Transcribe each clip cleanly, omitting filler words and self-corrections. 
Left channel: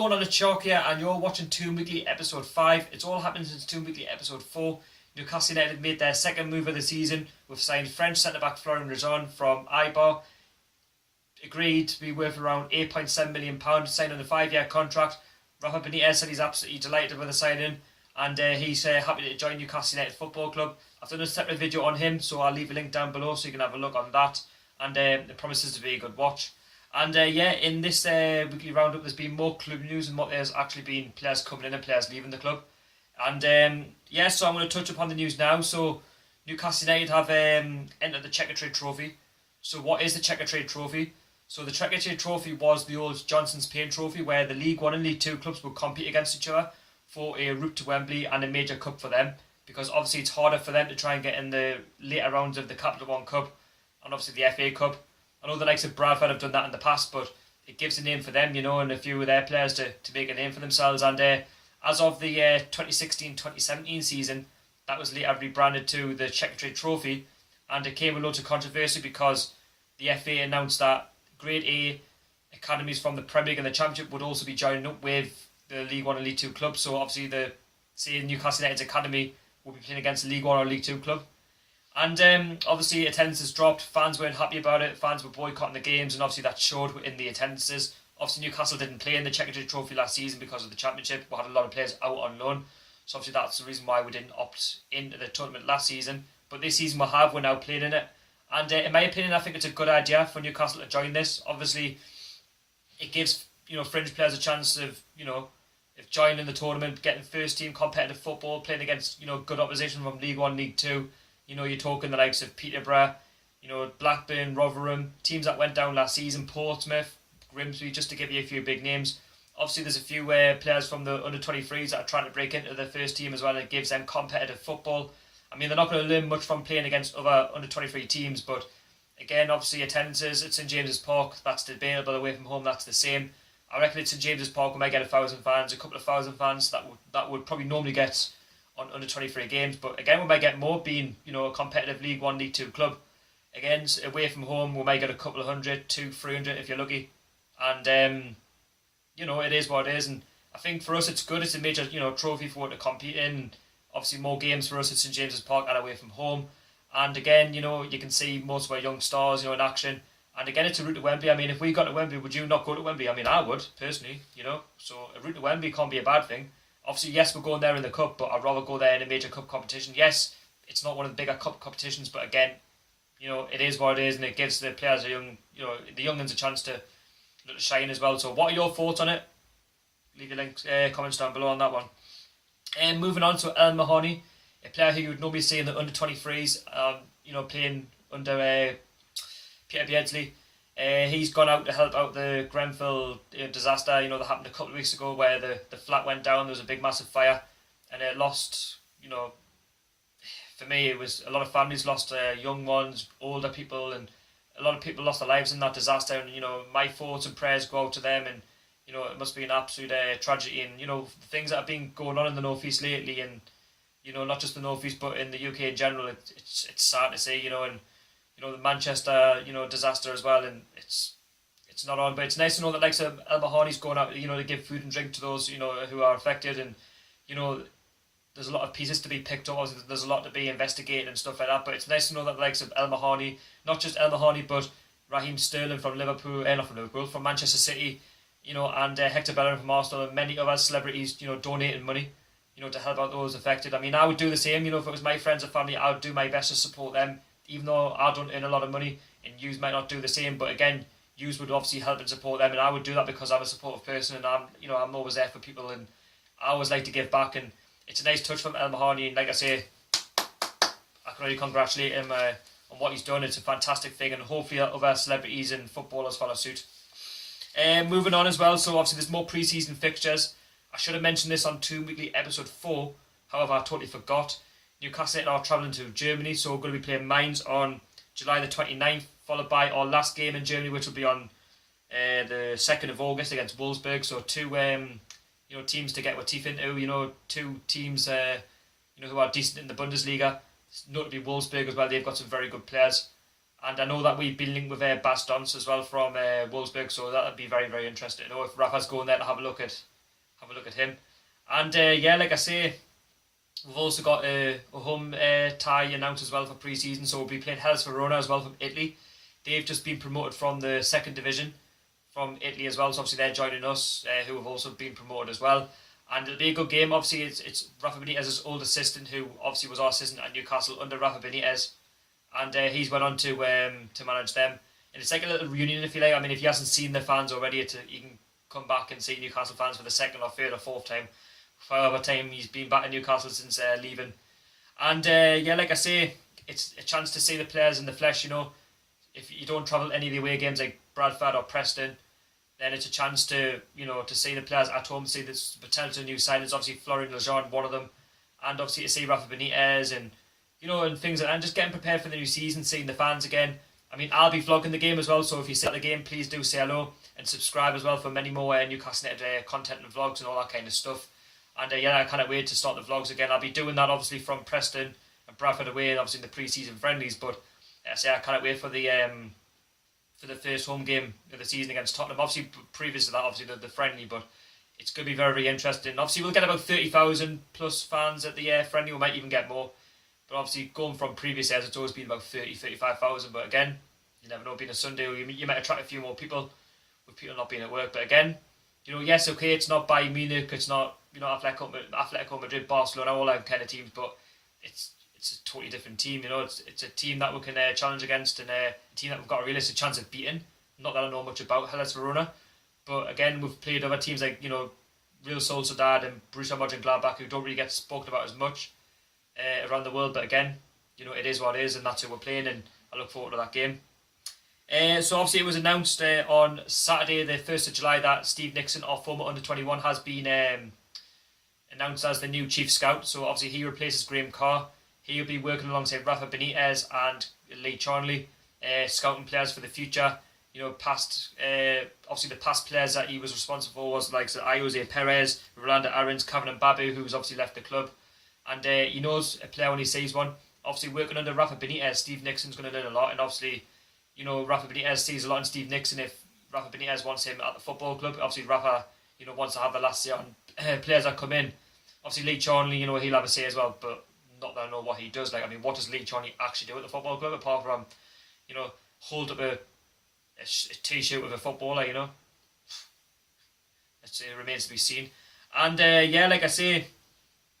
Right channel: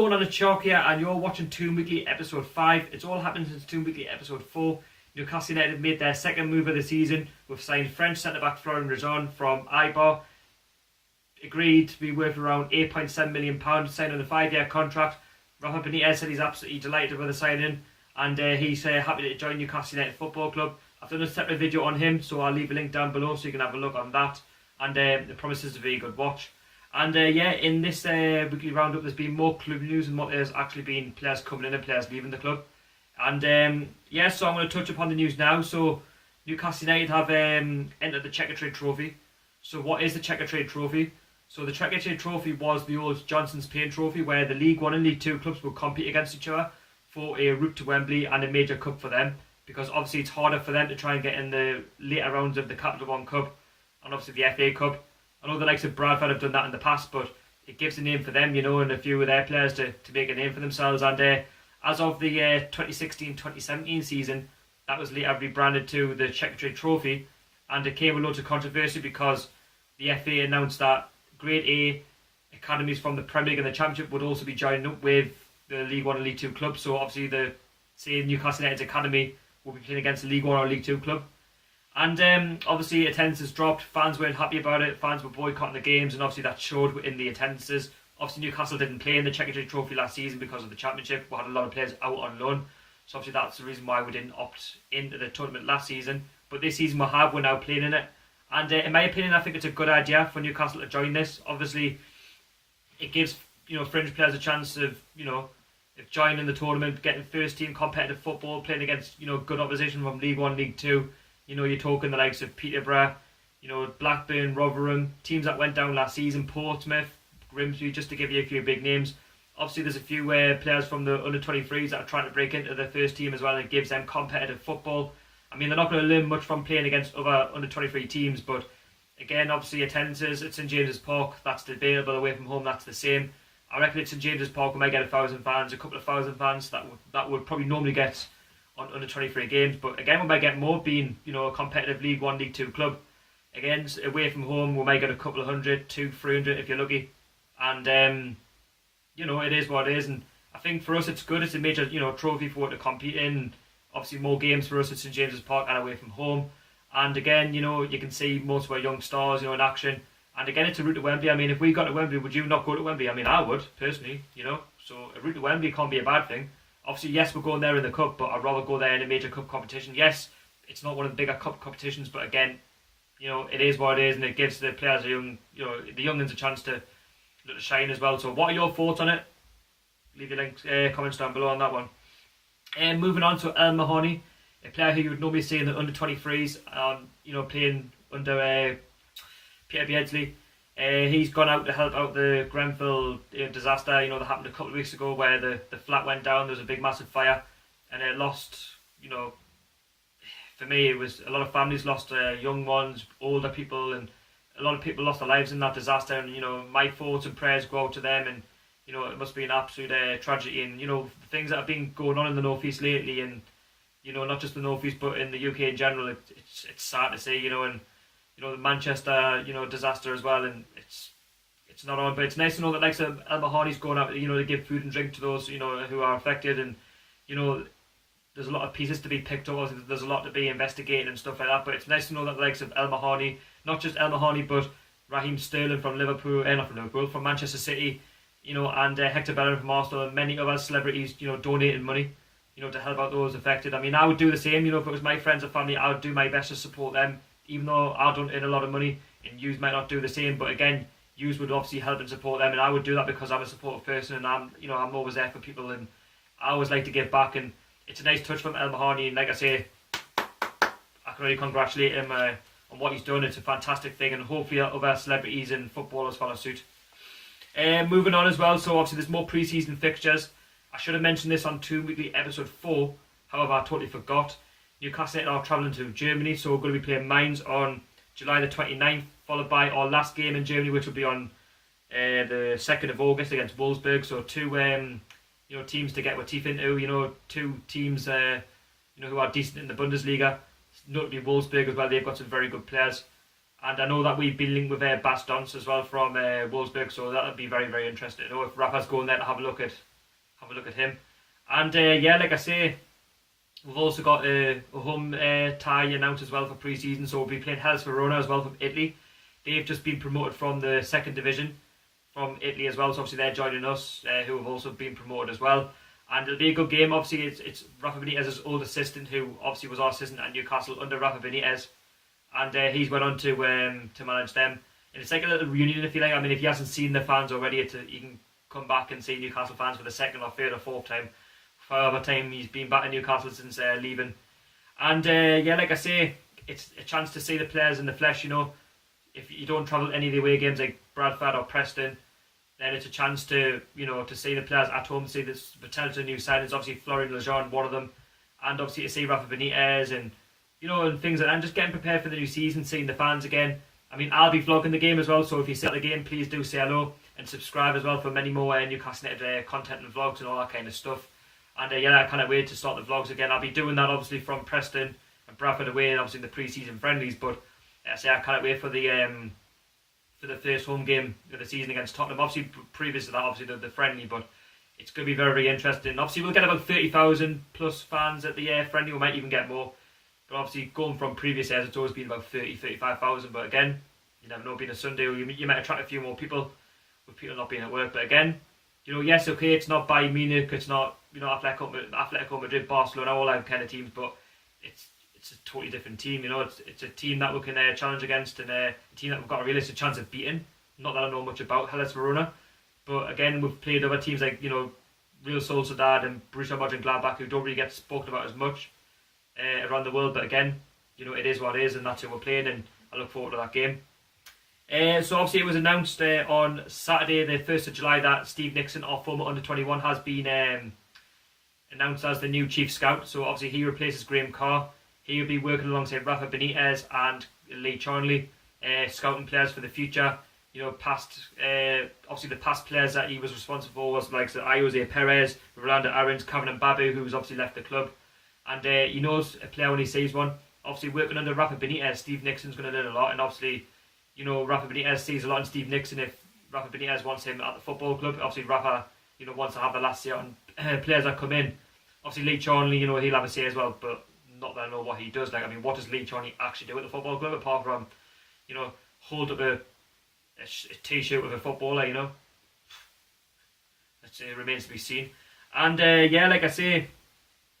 going on? It's Chalk here, and you're watching Toon Weekly episode 5. It's all happened since Toon Weekly episode 4. Newcastle United made their second move of the season. We've signed French centre-back Florian Rezon from Eibar. Agreed to be worth around £8.7 million, signed on a 5-year contract. Rafa Benitez said he's absolutely delighted with the signing, and he's happy to join Newcastle United Football Club. I've done a separate video on him, so I'll leave a link down below so you can have a look on that. And it promises to be a good watch. And in this weekly roundup, there's been more club news and what there's actually been players coming in and players leaving the club. And so I'm going to touch upon the news now. So Newcastle United have entered the Checkatrade Trophy. So what is the Checkatrade Trophy? So the Checkatrade Trophy was the old Johnson's Paint Trophy, where the League 1 and League 2 clubs would compete against each other for a route to Wembley and a major cup for them. Because obviously it's harder for them to try and get in the later rounds of the Capital One Cup and obviously the FA Cup. I know the likes of Bradford have done that in the past, but it gives a name for them, and a few of their players to make a name for themselves. And as of the 2016-2017 season, that was later rebranded to the Checkatrade Trophy, and it came with loads of controversy because the FA announced that Grade A academies from the Premier League and the Championship would also be joining up with the League 1 and League 2 clubs. So obviously say Newcastle United's academy will be playing against the League 1 or League 2 club. And obviously attendance has dropped. Fans weren't happy about it. Fans were boycotting the games, and obviously that showed in the attendances. Obviously Newcastle didn't play in the Checkatrade Trophy last season because of the Championship. We had a lot of players out on loan. So obviously that's the reason why we didn't opt into the tournament last season. But this season we're now playing in it. And in my opinion, I think it's a good idea for Newcastle to join this. Obviously it gives fringe players a chance of if joining the tournament, getting first team competitive football, playing against good opposition from League 1, League 2. You're talking the likes of Peterborough, Blackburn, Rotherham, teams that went down last season, Portsmouth, Grimsby, just to give you a few big names. Obviously, there's a few players from the under-23s that are trying to break into the first team as well, and it gives them competitive football. I mean, they're not going to learn much from playing against other under-23 teams, but again, obviously, attendances at St James's Park, that's debatable. Away from home, that's the same. I reckon at St James's Park we might get 1,000 fans, a couple of thousand fans that would probably normally get on under 23 games, but again we might get more being a competitive League 1, League 2 club. Again, away from home we might get a couple of 100, 200, 300 if you're lucky, and it is what it is. And I think for us it's good. It's a major trophy for it to compete in. Obviously more games for us at St James's Park and away from home, and again you can see most of our young stars in action. And again, it's a route to Wembley. I mean, if we got to Wembley, would you not go to Wembley? I mean, I would, personally, So a route to Wembley can't be a bad thing. Obviously, yes, we're going there in the cup, but I'd rather go there in a major cup competition. Yes, it's not one of the bigger cup competitions, but again, it is what it is, and it gives the players the youngins a chance to shine as well. So what are your thoughts on it? Leave your links, comments down below on that one. And moving on to El Mahoney, a player who you would normally see in the under-23s, playing under Peter Beardsley. He's gone out to help out the Grenfell disaster, that happened a couple of weeks ago where the flat went down. There was a big massive fire and it lost, for me it was a lot of families lost young ones, older people, and a lot of people lost their lives in that disaster. And my thoughts and prayers go out to them, and it must be an absolute tragedy. And the things that have been going on in the North East lately, and not just the North East but in the UK in general, it's sad to see, and the Manchester, disaster as well, and it's not on. But it's nice to know that like El Mahoney's going out, to give food and drink to those, who are affected, and there's a lot of pieces to be picked up. Obviously, there's a lot to be investigated and stuff like that. But it's nice to know that the likes of El Mahoney, not just El Mahoney, but Raheem Sterling from from Manchester City, and Hector Bellerin from Arsenal, and many other celebrities, donating money, to help out those affected. I mean, I would do the same. If it was my friends or family, I would do my best to support them. Even though I don't earn a lot of money, and yous might not do the same, but again, yous would obviously help and support them, and I would do that because I'm a supportive person, and I'm always there for people, and I always like to give back, and it's a nice touch from El Mahoney, and like I say, I can really congratulate him on what he's done. It's a fantastic thing, and hopefully other celebrities and footballers follow suit. Moving on as well, so obviously there's more pre-season fixtures. I should have mentioned this on Toon Weekly episode 4, however I totally forgot. Newcastle United are travelling to Germany, so we're going to be playing Mainz on July the 29th, followed by our last game in Germany, which will be on the 2nd of August against Wolfsburg. So two teams to get our teeth into, two teams who are decent in the Bundesliga, notably Wolfsburg as well. They've got some very good players. And I know that we've been linked with Bas Dons as well from Wolfsburg, so that would be very, very interesting to know if Rafa's going there to have a look at him. And yeah, like I say, we've also got a home tie announced as well for pre-season, so we'll be playing Hellas Verona as well from Italy. They've just been promoted from the second division from Italy as well, so obviously they're joining us, who have also been promoted as well. And it'll be a good game. Obviously, it's Rafa Benitez's old assistant, who obviously was our assistant at Newcastle under Rafa Benitez, and he's went on to manage them. And it's like a little reunion, if you like. I mean, if he hasn't seen the fans already, you can come back and see Newcastle fans for the second or third or fourth time, however time he's been back in Newcastle since leaving. And yeah, like I say, it's a chance to see the players in the flesh. You know, if you don't travel any of the away games like Bradford or Preston, then it's a chance to see the players at home, see the potential new signings. Obviously, Florian Lejeune, one of them, and obviously to see Rafa Benitez and and things like that. And just getting prepared for the new season, seeing the fans again. I mean, I'll be vlogging the game as well, so if you see the game, please do say hello and subscribe as well for many more Newcastle United content and vlogs and all that kind of stuff. And yeah, I can't wait to start the vlogs again. I'll be doing that obviously from Preston and Bradford away, and obviously in the pre-season friendlies. But I can't wait for the first home game of the season against Tottenham. Obviously, previous to that, obviously the friendly, but it's going to be very, very interesting. Obviously, we'll get about 30,000 plus fans at the friendly. We might even get more. But obviously, going from previous years, it's always been about 30, 35,000. But again, you never know, being a Sunday, you might attract a few more people with people not being at work. But again, yes, okay, it's not Bayern Munich, it's not, Atletico Madrid, Barcelona, all that kind of teams, but it's a totally different team. It's a team that we can challenge against, and a team that we've got a realistic chance of beating. Not that I know much about Hellas Verona, but again, we've played other teams like Real Sociedad and Borussia Mönchengladbach, who don't really get spoken about as much around the world. But again, it is what it is, and that's who we're playing, and I look forward to that game. So obviously it was announced on Saturday the 1st of July that Steve Nixon, our former under-21, has been announced as the new chief scout. So obviously he replaces Graham Carr. He will be working alongside Rafa Benitez and Lee Charnley, scouting players for the future. Obviously the past players that he was responsible for was like Jose Perez, Rolando Aarons, Kevin Mbabu, who's obviously left the club. And he knows a player when he sees one. Obviously working under Rafa Benitez, Steve Nixon's going to learn a lot, and obviously Rafa Benitez sees a lot in Steve Nixon. If Rafa Benitez wants him at the football club, obviously Rafa, wants to have the last say on players that come in. Obviously Lee Charnley, he'll have a say as well, but not that I know what he does. Like, I mean, what does Lee Charnley actually do at the football club apart from, hold up a t-shirt with a footballer, It remains to be seen. And yeah, like I say,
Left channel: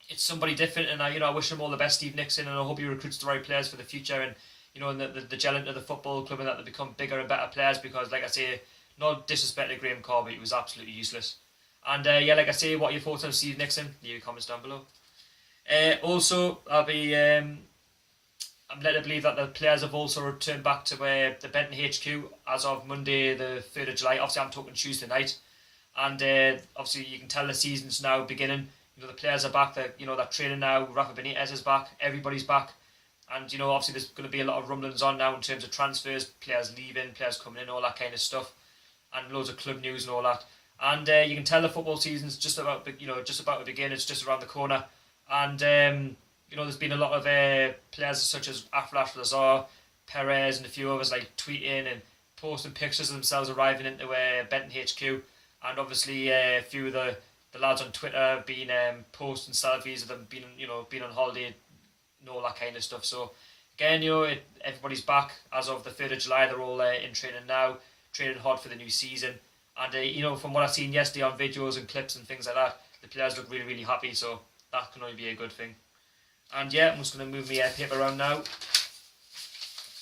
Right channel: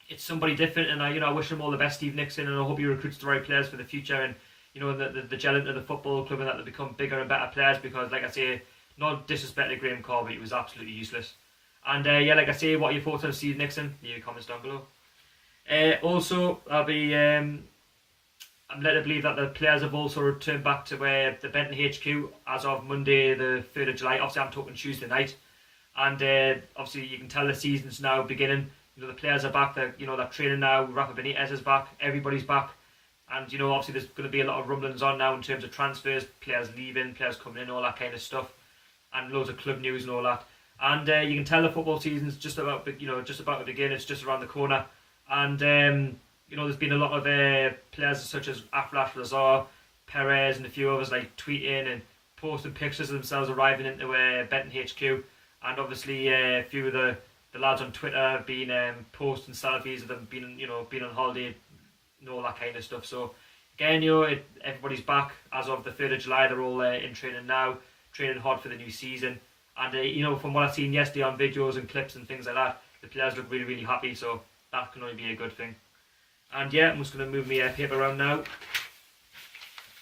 it's somebody different, and I wish him all the best, Steve Nixon, and I hope he recruits the right players for the future, and and the gel into the football club, and that they become bigger and better players, because like I say, not disrespect to Graham Carr, but he was absolutely useless. And yeah, like I say, what are your thoughts on Steve Nixon? Leave your comments down below. Also, I'm led to believe that the players have also returned back to the Benton HQ as of Monday the 3rd of July. Obviously I'm talking Tuesday night, and obviously you can tell the season's now beginning. The players are back, they're training now. Rafa Benitez is back, everybody's back. And, obviously there's going to be a lot of rumblings on now in terms of transfers, players leaving, players coming in, all that kind of stuff. And loads of club news and all that. And you can tell the football season's just about to begin. It's just around the corner. And, there's been a lot of players such as Aflash Lazar, Perez, and a few others like tweeting and posting pictures of themselves arriving into Benton HQ. And obviously a few of the lads on Twitter have been posting selfies of them being on holiday, and all that kind of stuff. So again, everybody's back as of the 3rd of July. They're all in training now, training hard for the new season. And from what I've seen yesterday on videos and clips and things like that, the players look really, really happy. So that can only be a good thing. And yeah, I'm just going to move my paper around now.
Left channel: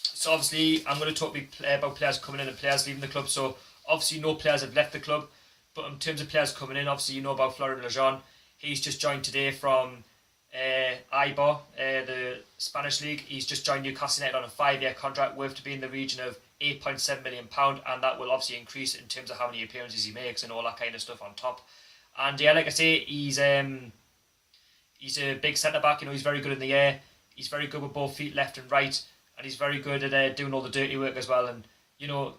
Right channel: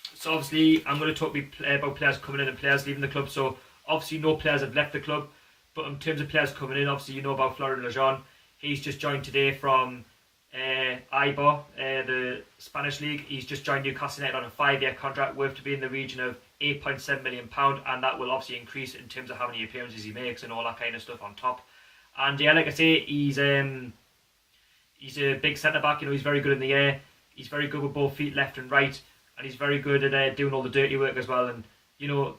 So obviously, I'm going to talk about players coming in and players leaving the club. So obviously, no players have left the club. But in terms of players coming in, obviously, about Florian Lejeune. He's just joined today from Eibar, the Spanish league. He's just joined Newcastle United on a 5-year contract worth to be in the region of £8.7 million, and that will obviously increase in terms of how many appearances he makes and all that kind of stuff on top. And yeah, like I say, he's a big centre back. He's very good in the air. He's very good with both feet, left and right, and he's very good at doing all the dirty work as well. And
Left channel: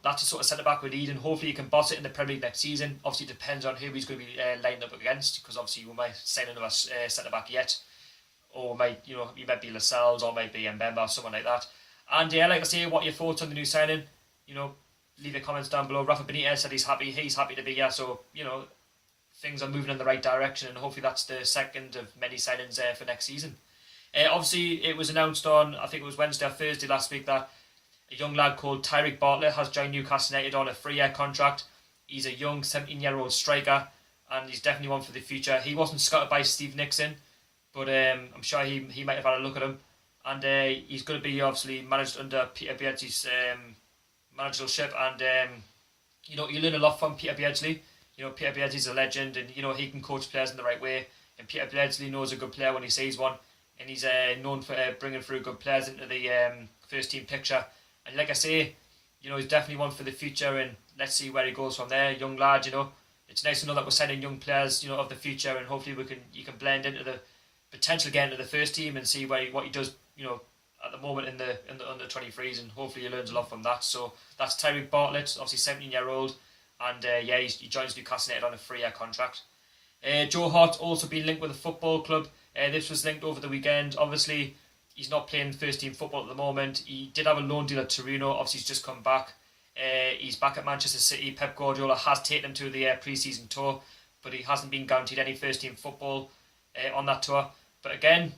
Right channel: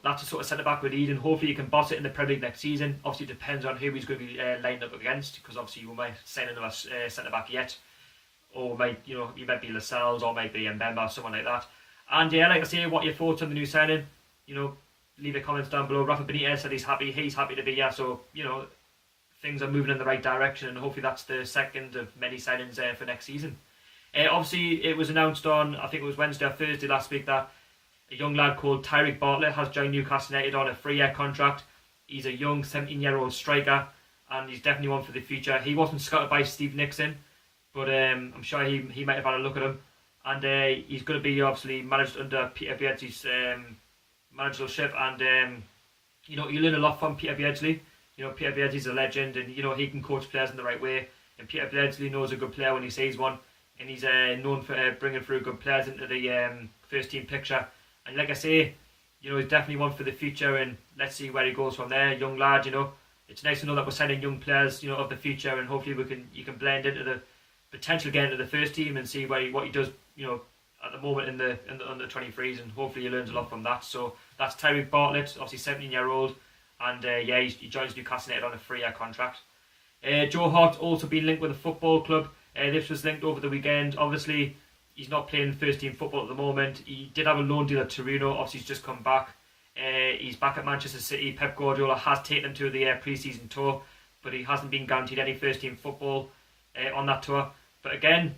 that's the sort of centre back we need, and hopefully he can boss it in the Premier League next season. Obviously, it depends on who he's going to be lined up against, because obviously we might sign another centre back yet, or he might be Lascelles, or might be Mbemba, someone like that. And yeah, like I say, what are your thoughts on the new signing? You know, leave your comments down below. Rafa Benitez said he's happy to be here, so you know, things are moving in the right direction, and hopefully that's the second of many signings for next season. Obviously, it was announced on, I think it was Wednesday or Thursday last week, that a young lad called Tyreek Bartlett has joined Newcastle United on a 3-year contract. He's a young 17-year-old striker, and he's definitely one for the future. He wasn't scouted by Steve Nixon, but I'm sure he might have had a look at him. And he's going to be obviously managed under Peter Beardsley's managership, and you know, you learn a lot from Peter Beardsley. You know, Peter Beardsley's a legend, and you know, he can coach players in the right way. And Peter Beardsley knows a good player when he sees one, and he's known for bringing through good players into the first team picture. And like I say, you know, he's definitely one for the future, and let's see where he goes from there. Young lad, you know, it's nice to know that we're signing young players, you know, of the future, and hopefully you can blend into the potential again into the first team and see what he does, you know, at the moment in the under 23s, and hopefully he learns a lot from that. So that's Tyreek Bartlett, obviously 17-year-old, and yeah, he joins Newcastle United on a 3-year contract. Joe Hart also been linked with a football club. This was linked over the weekend. Obviously, he's not playing first team football at the moment. He did have a loan deal at Torino. Obviously, he's just come back. He's back at Manchester City. Pep Guardiola has taken him to the pre-season tour, but he hasn't been guaranteed any first team football on that tour. But again,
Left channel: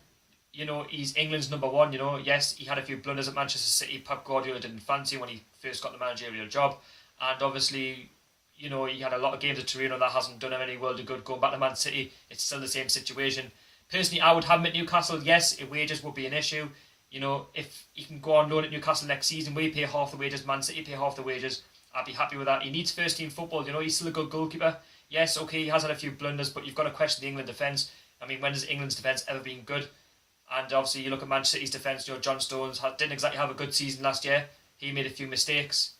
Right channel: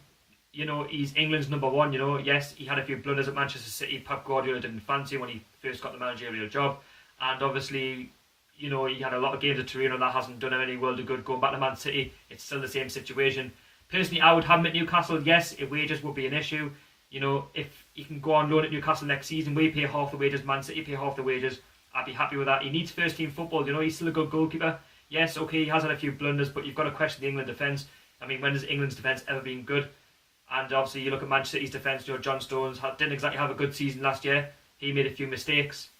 you know, he's England's number one. You know, yes, he had a few blunders at Manchester City. Pep Guardiola didn't fancy him when he first got the managerial job, and obviously, you know, he had a lot of games at Torino and that hasn't done him any world of good. Going back to Man City, it's still the same situation. Personally, I would have him at Newcastle. Yes, if wages would be an issue. You know, if he can go on loan at Newcastle next season, we pay half the wages, Man City pay half the wages, I'd be happy with that. He needs first team football. You know, he's still a good goalkeeper. Yes, okay, he has had a few blunders, but you've got to question the England defence. I mean, when has England's defence ever been good? And obviously, you look at Manchester City's defence. You know, John Stones didn't exactly have a good season last year. He made a few mistakes,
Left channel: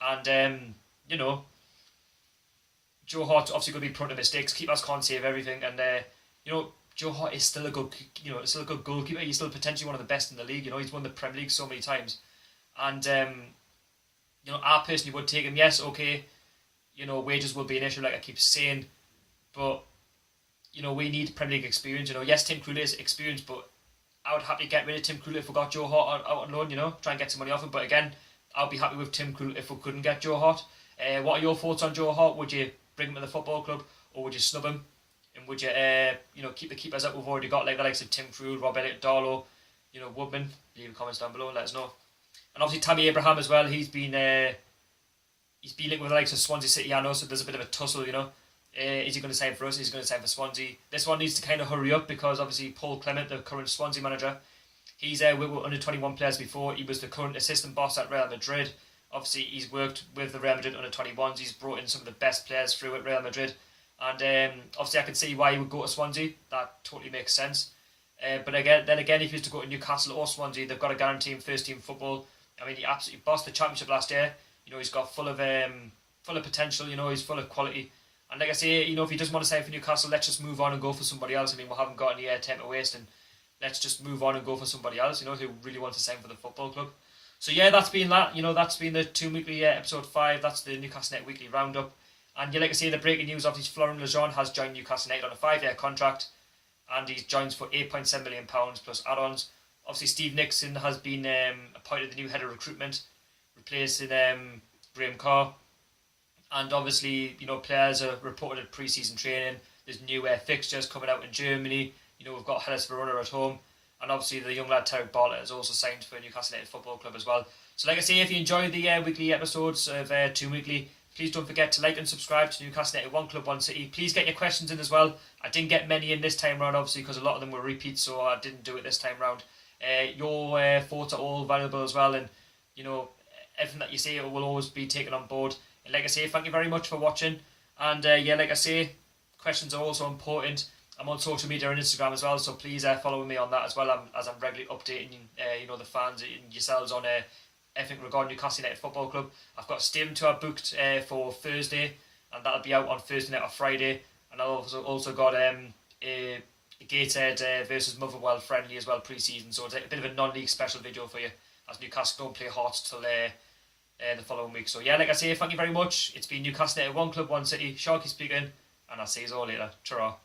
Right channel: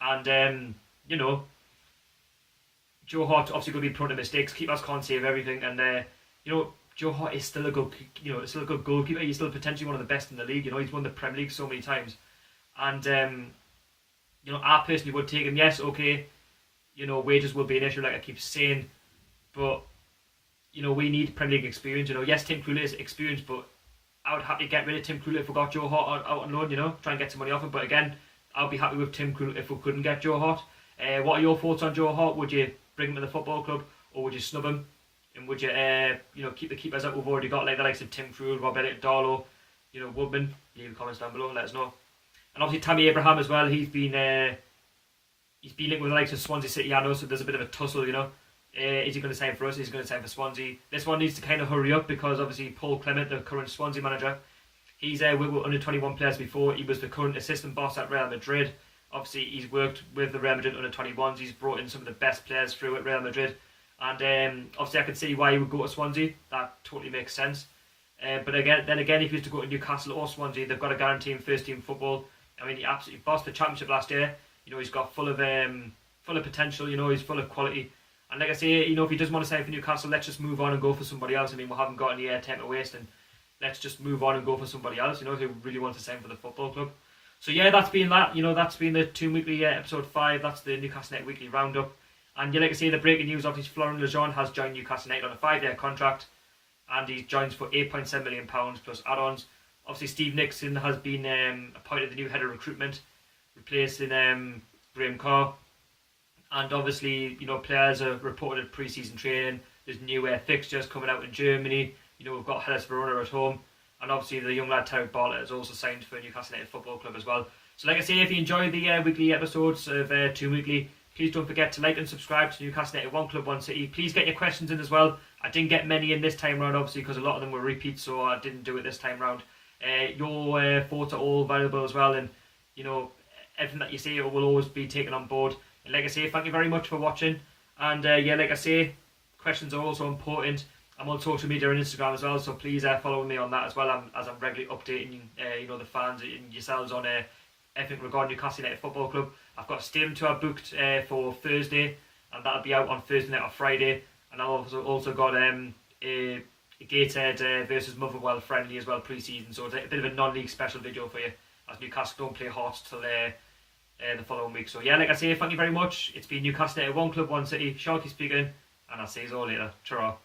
and you know, Joe Hart obviously going to be prone to mistakes. Keepers can't save everything, and you know, Joe Hart is still a good, you know, still a good goalkeeper. He's still potentially one of the best in the league. You know, he's won the Premier League so many times, and you know, I personally would take him. Yes, okay, you know, wages will be an issue, like I keep saying, but you know, we need Premier League experience. You know, yes, Tim Krul is experienced, but I would happy to get rid of Tim Krul if we got Joe Hart out on loan. You know, try and get some money off him. But again, I'll be happy with Tim Krul if we couldn't get Joe Hart. What are your thoughts on Joe Hart? Would you bring him to the football club, or would you snub him? And would you, you know, keep the keepers that we've already got, like the likes of Tim Krul, Rob Elliott, Darlow, you know, Woodman? Leave comments down below and let us know. And obviously Tammy Abraham as well. He's been linked with the likes of Swansea City. I know, so there's a bit of a tussle. You know, is he going to sign for us? Is he going to sign for Swansea? This one needs to kind of hurry up because obviously Paul Clement, the current Swansea manager, he's with under 21 players before. He was the current assistant boss at Real Madrid. Obviously, he's worked with the Real Madrid under 21s. He's brought in some of the best players through at Real Madrid. And obviously I can see why he would go to Swansea. That totally makes sense. But again, if he was to go to Newcastle or Swansea, they've got to guarantee him first team football. I mean, he absolutely bossed the Championship last year. You know, he's got full of potential. You know, he's full of quality. And like I say, you know, if he doesn't want to sign for Newcastle, let's just move on and go for somebody else. I mean, we haven't got any airtime to waste, and let's just move on and go for somebody else. You know, who really wants to sign for the football club. So yeah, that's been that. You know, that's been the Toon Weekly episode 5. That's the Newcastle United Weekly Roundup. And you like to see the breaking news, obviously Florent Lejeune has joined Newcastle United on a 5-year contract, and he joins for £8.7 million plus add-ons. Obviously Steve Nixon has been appointed the new head of recruitment, replacing Graham Carr. And obviously, you know, players are reported at pre-season training. There's new fixtures coming out in Germany. You know, we've got Hellas Verona at home. And obviously the young lad Tyreek Bartlett has also signed for Newcastle United Football Club as well. So like I say, if you enjoy the weekly episodes of Toon Weekly, please don't forget to like and subscribe to Newcastle United One Club One City. Please get your questions in as well. I didn't get many in this time round, obviously, because a lot of them were repeats, so I didn't do it this time round. Your thoughts are all valuable as well, and you know, everything that you say will always be taken on board. And like I say, thank you very much for watching. And yeah, like I say, questions are also important. I'm on social media and Instagram as well, so please follow me on that as well. I'm regularly updating you know, the fans and yourselves on everything regarding Newcastle United Football Club. I've got a stadium tour booked for Thursday, and that'll be out on Thursday night or Friday. And I've also got a Gateshead versus Motherwell friendly as well pre-season, so it's a bit of a non-league special video for you, as Newcastle don't play Hart till the following week. So yeah, like I say, thank you very much. It's been Newcastle United One Club One City. Sharky speaking, and I'll see you all later. Ta-ra.